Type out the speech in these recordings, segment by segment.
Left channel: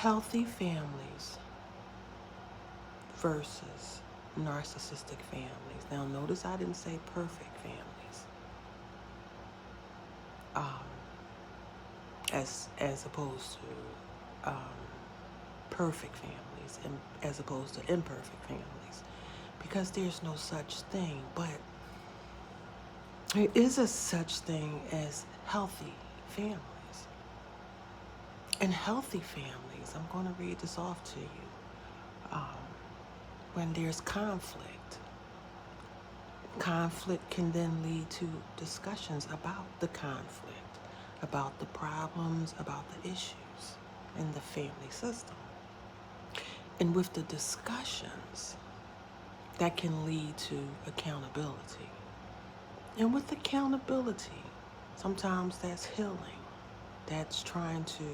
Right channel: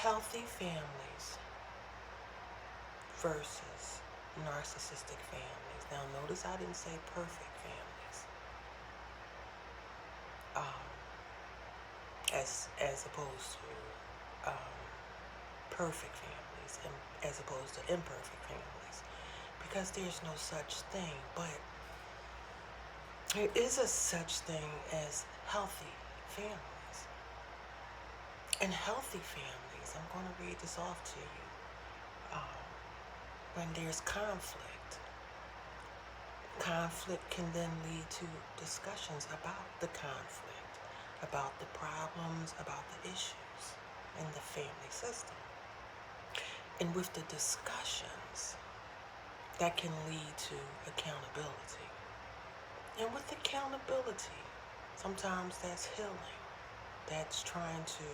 healthy families versus narcissistic families. Now notice I didn't say perfect families. As opposed to perfect families and as opposed to imperfect families, because there's no such thing, but there is a such thing as healthy families. And healthy families, I'm going to read this off to you. When there's conflict can then lead to discussions about the conflict, about the problems, about the issues in the family system. And with the discussions, that can lead to accountability. And with accountability, sometimes that's healing. That's trying to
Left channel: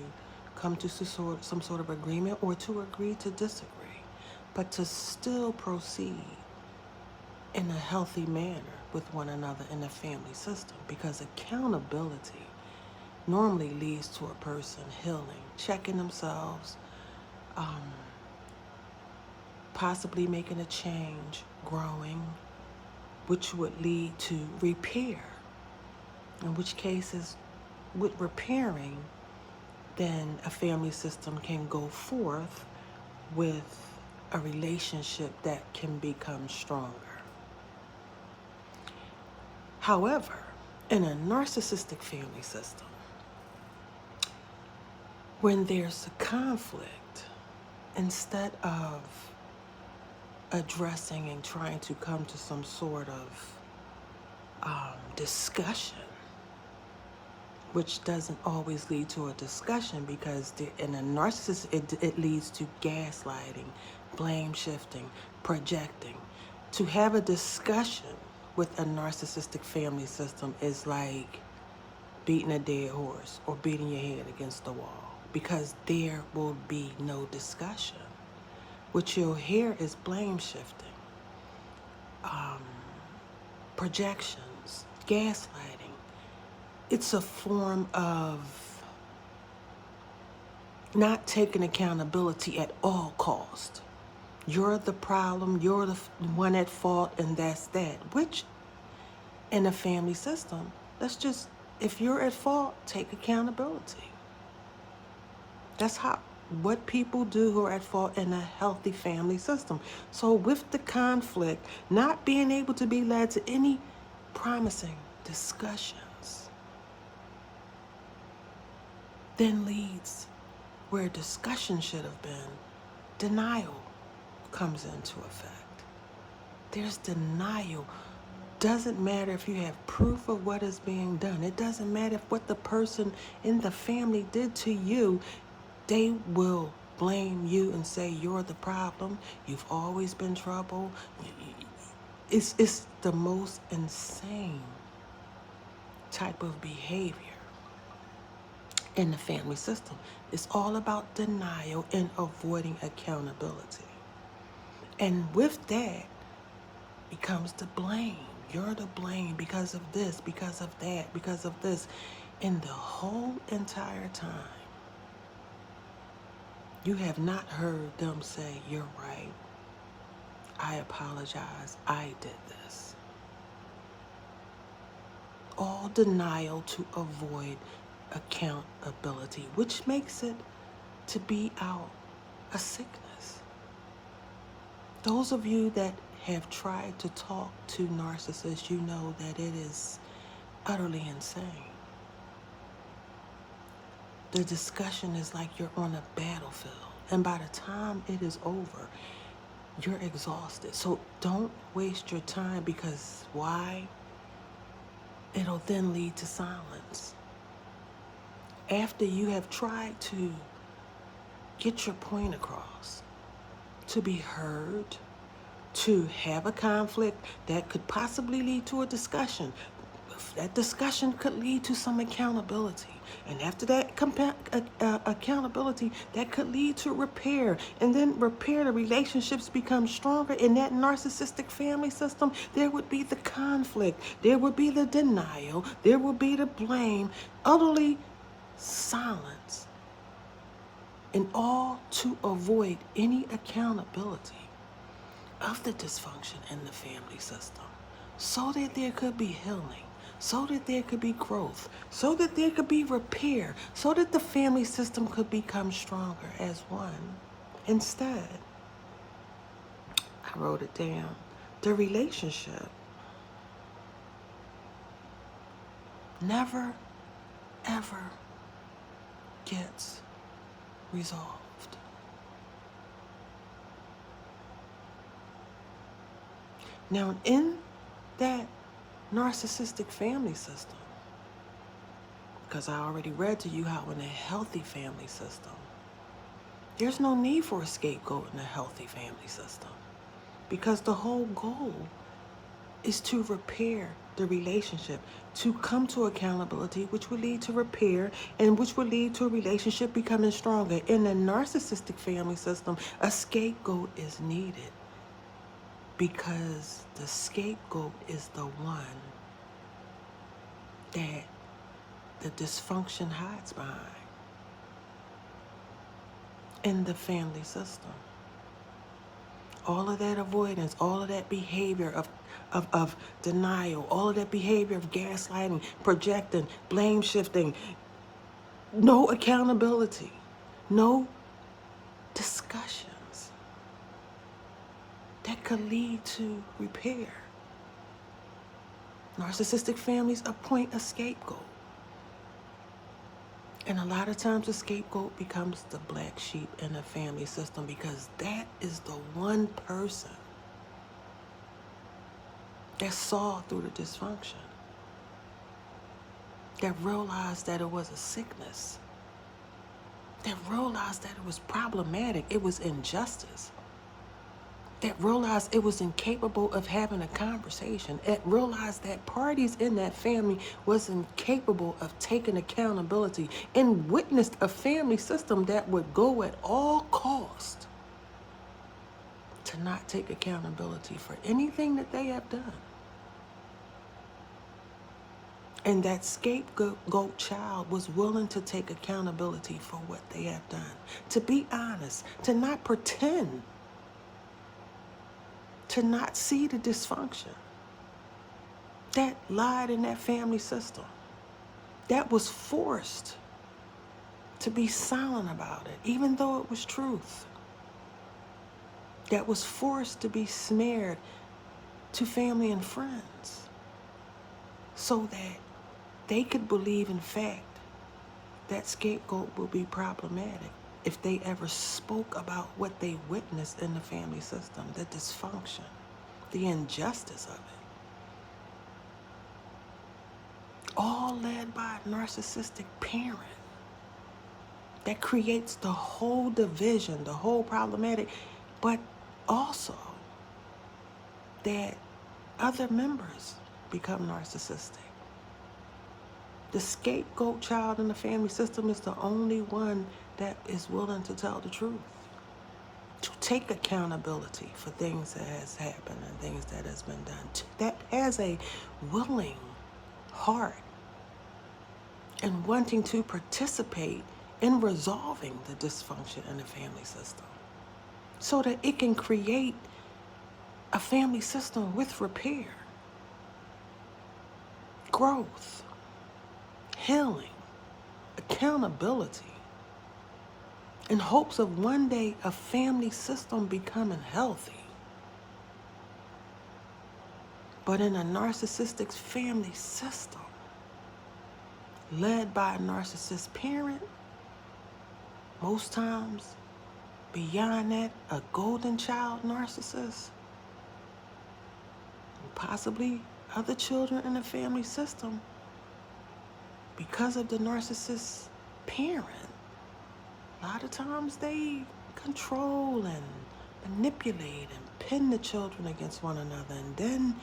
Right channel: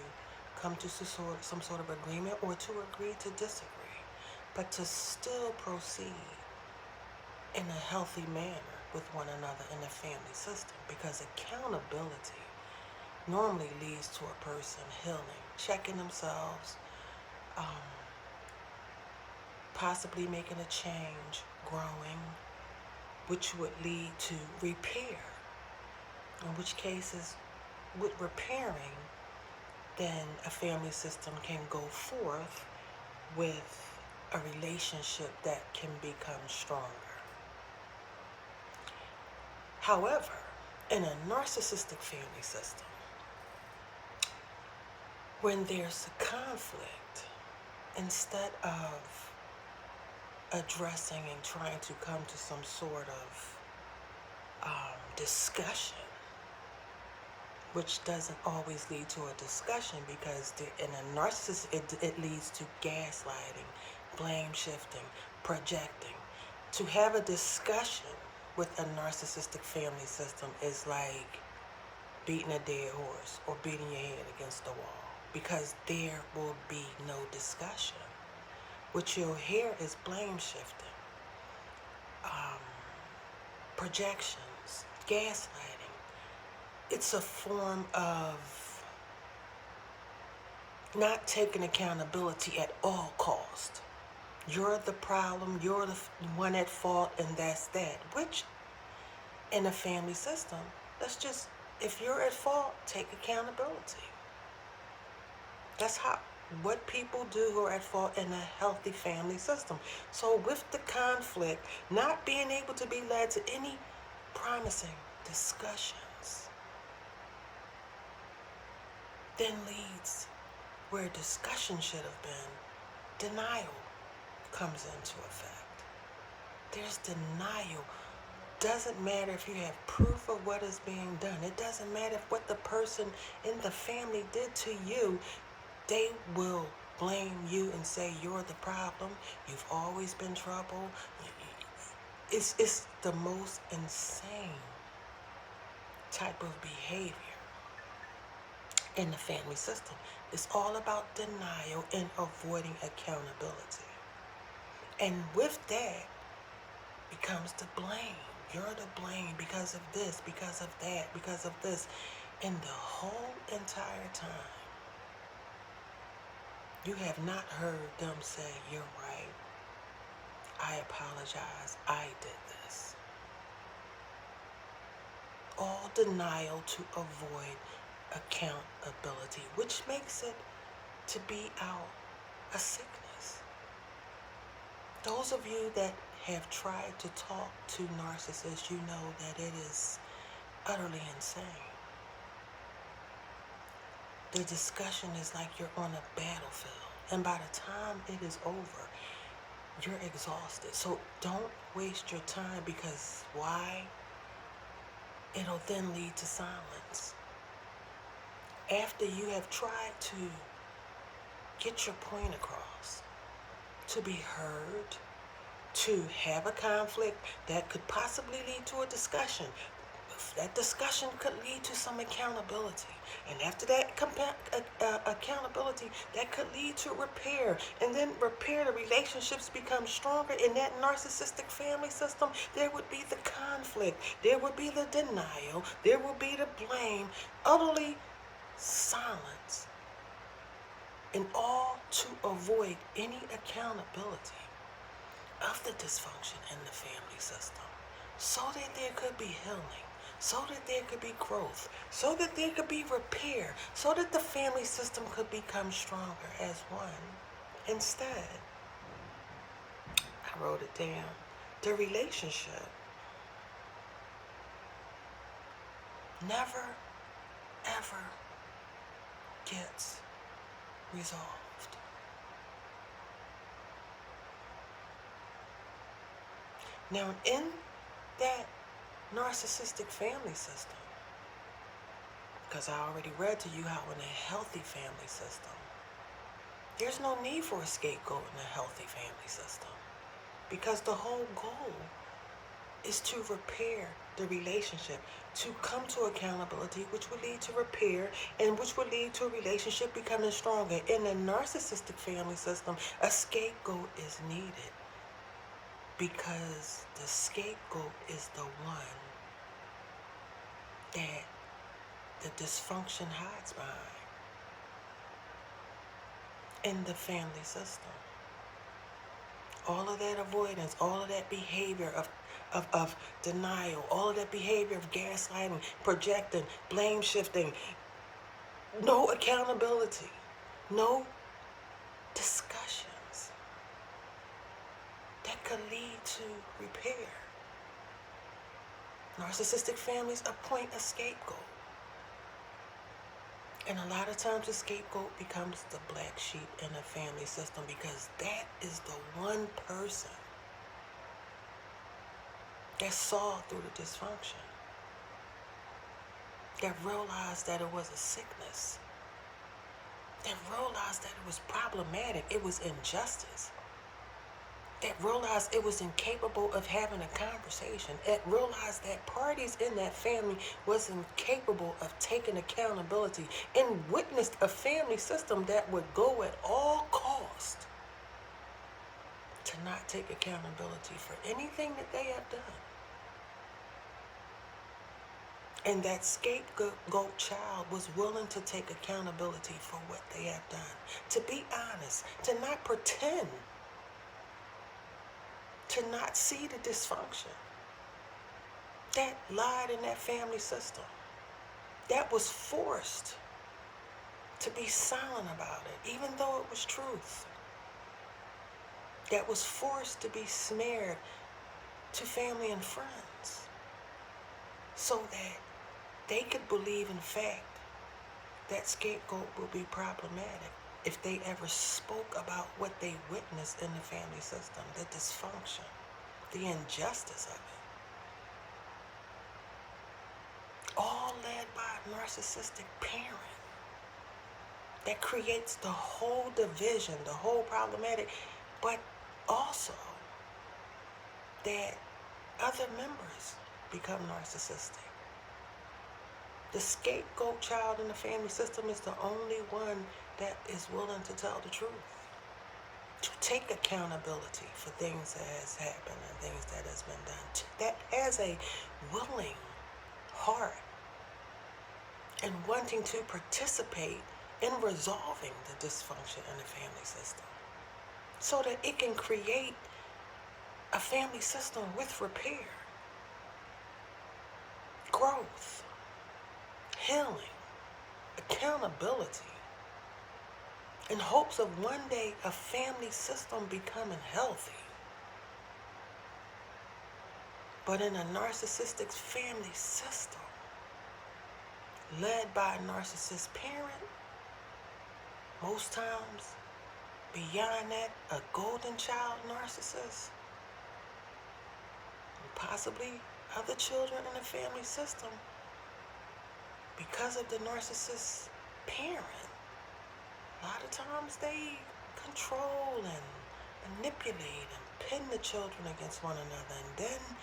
come to some sort of agreement, or to agree to disagree, but to still proceed in a healthy manner with one another in the family system. Because accountability normally leads to a person healing, checking themselves, possibly making a change, growing, which would lead to repair. In which cases, with repairing, then a family system can go forth with a relationship that can become stronger. However, in a narcissistic family system, when there's a conflict, instead of addressing and trying to come to some sort of discussion, which doesn't always lead to a discussion, because in a narcissist, it leads to gaslighting, blame shifting, projecting. To have a discussion with a narcissistic family system is like beating a dead horse or beating your head against the wall, because there will be no discussion. What you'll hear is blame shifting, projections, gaslighting. It's a form of not taking accountability at all cost. You're the problem, you're the one at fault, and that's that. Which, in a family system, that's just, if you're at fault, take accountability. That's what people do who are at fault in a healthy family system. So with the conflict not being able to be led to any promising discussions, then leads where discussion should have been, denial comes into effect. There's denial. Doesn't matter if you have proof of what is being done. It doesn't matter if what the person in the family did to you. They will blame you and say you're the problem. You've always been trouble. It's the most insane type of behavior in the family system. It's all about denial and avoiding accountability. And with that becomes the blame. You're to blame because of this, because of that, because of this. And the whole entire time, you have not heard them say, you're right, I apologize, I did this. All denial to avoid accountability, which makes it to be out a sickness. Those of you that have tried to talk to narcissists, you know that it is utterly insane. The discussion is like you're on a battlefield, and by the time it is over, you're exhausted. So don't waste your time, because why? It'll then lead to silence. After you have tried to get your point across, to be heard, to have a conflict that could possibly lead to a discussion. That discussion could lead to some accountability. And after that accountability, that could lead to repair. And then repair, the relationships become stronger. In that narcissistic family system, there would be the conflict. There would be the denial. There will be the blame. Utterly silence. and all to avoid any accountability of the dysfunction in the family system, so that there could be healing, so that there could be growth, so that there could be repair, so that the family system could become stronger as one. Instead, I wrote it down, the relationship never, ever gets resolved. Now, in that narcissistic family system, because I already read to you how in a healthy family system, there's no need for a scapegoat in a healthy family system, because the whole goal is to repair the relationship, to come to accountability, which will lead to repair and which will lead to a relationship becoming stronger. In the narcissistic family system, a scapegoat is needed because the scapegoat is the one that the dysfunction hides behind in the family system. All of that avoidance, all of that behavior of denial, all of that behavior of gaslighting, projecting, blame shifting, no accountability, no discussions that could lead to repair. Narcissistic families appoint a scapegoat. And a lot of times the scapegoat becomes the black sheep in the family system, because that is the one person that saw through the dysfunction, that realized that it was a sickness, that realized that it was problematic, it was injustice, that realized it was incapable of having a conversation, that realized that parties in that family was incapable of taking accountability, and witnessed a family system that would go at all cost to not take accountability for anything that they have done. And that scapegoat child was willing to take accountability for what they have done, to be honest, to not pretend, to not see the dysfunction that lied in that family system, that was forced to be silent about it, even though it was truth, that was forced to be smeared to family and friends so that they could believe, in fact, that scapegoat would be problematic if they ever spoke about what they witnessed in the family system, the dysfunction, the injustice of it. All led by a narcissistic parent that creates the whole division, the whole problematic, but also that other members become narcissistic. The scapegoat child in the family system is the only one that is willing to tell the truth, to take accountability for things that has happened and things that has been done, that has a willing heart and wanting to participate in resolving the dysfunction in the family system so that it can create a family system with repair, growth, healing, accountability, in hopes of one day a family system becoming healthy. But in a narcissistic family system, led by a narcissist parent, most times, beyond that, a golden child narcissist, and possibly other children in the family system, because of the narcissist parent, a lot of times they control and manipulate and pin the children against one another, and then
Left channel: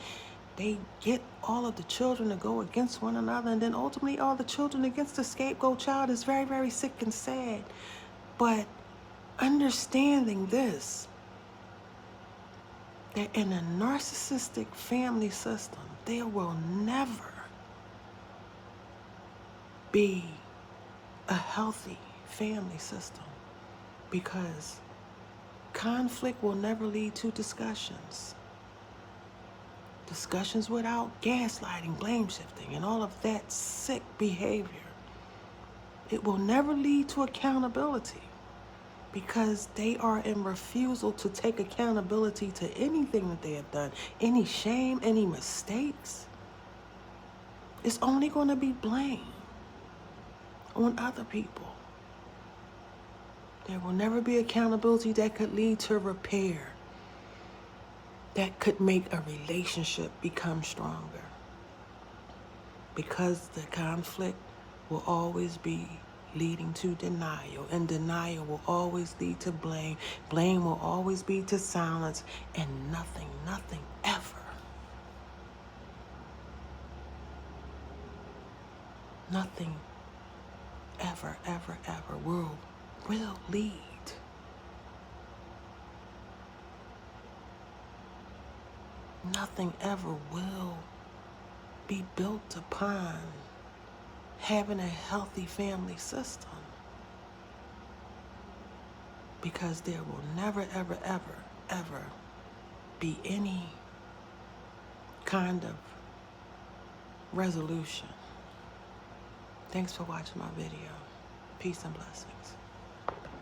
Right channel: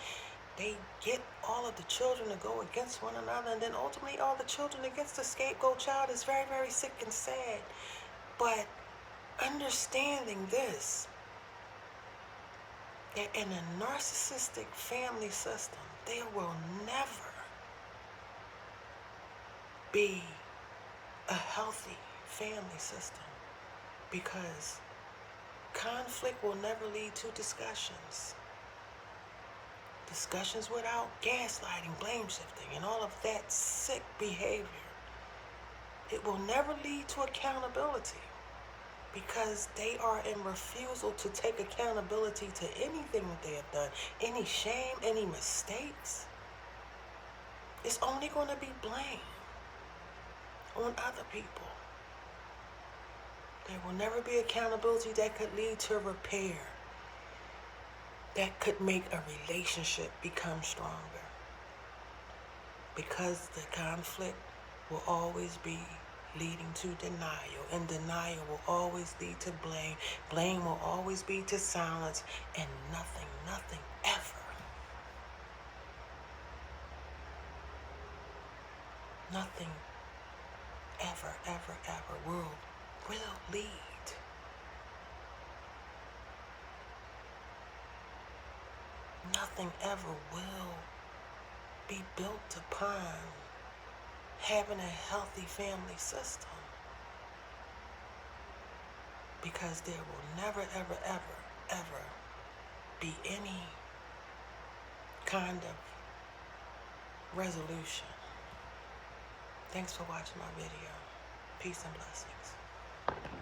they get all of the children to go against one another, and then ultimately all the children against the scapegoat child. Is very, very sick and sad. But understanding this, that in a narcissistic family system, there will never be a healthy family system. Because conflict will never lead to discussions. Discussions without gaslighting, blame shifting, and all of that sick behavior. It will never lead to accountability, because they are in refusal to take accountability to anything that they have done, any shame, any mistakes. It's only going to be blame on other people. There will never be accountability that could lead to repair, that could make a relationship become stronger. Because the conflict will always be leading to denial, and denial will always lead to blame. Blame will always be to silence, and nothing ever, nothing ever will lead. Nothing ever will be built upon having a healthy family system, because there will never ever be any kind of resolution. Thanks for watching my video. Peace and blessings.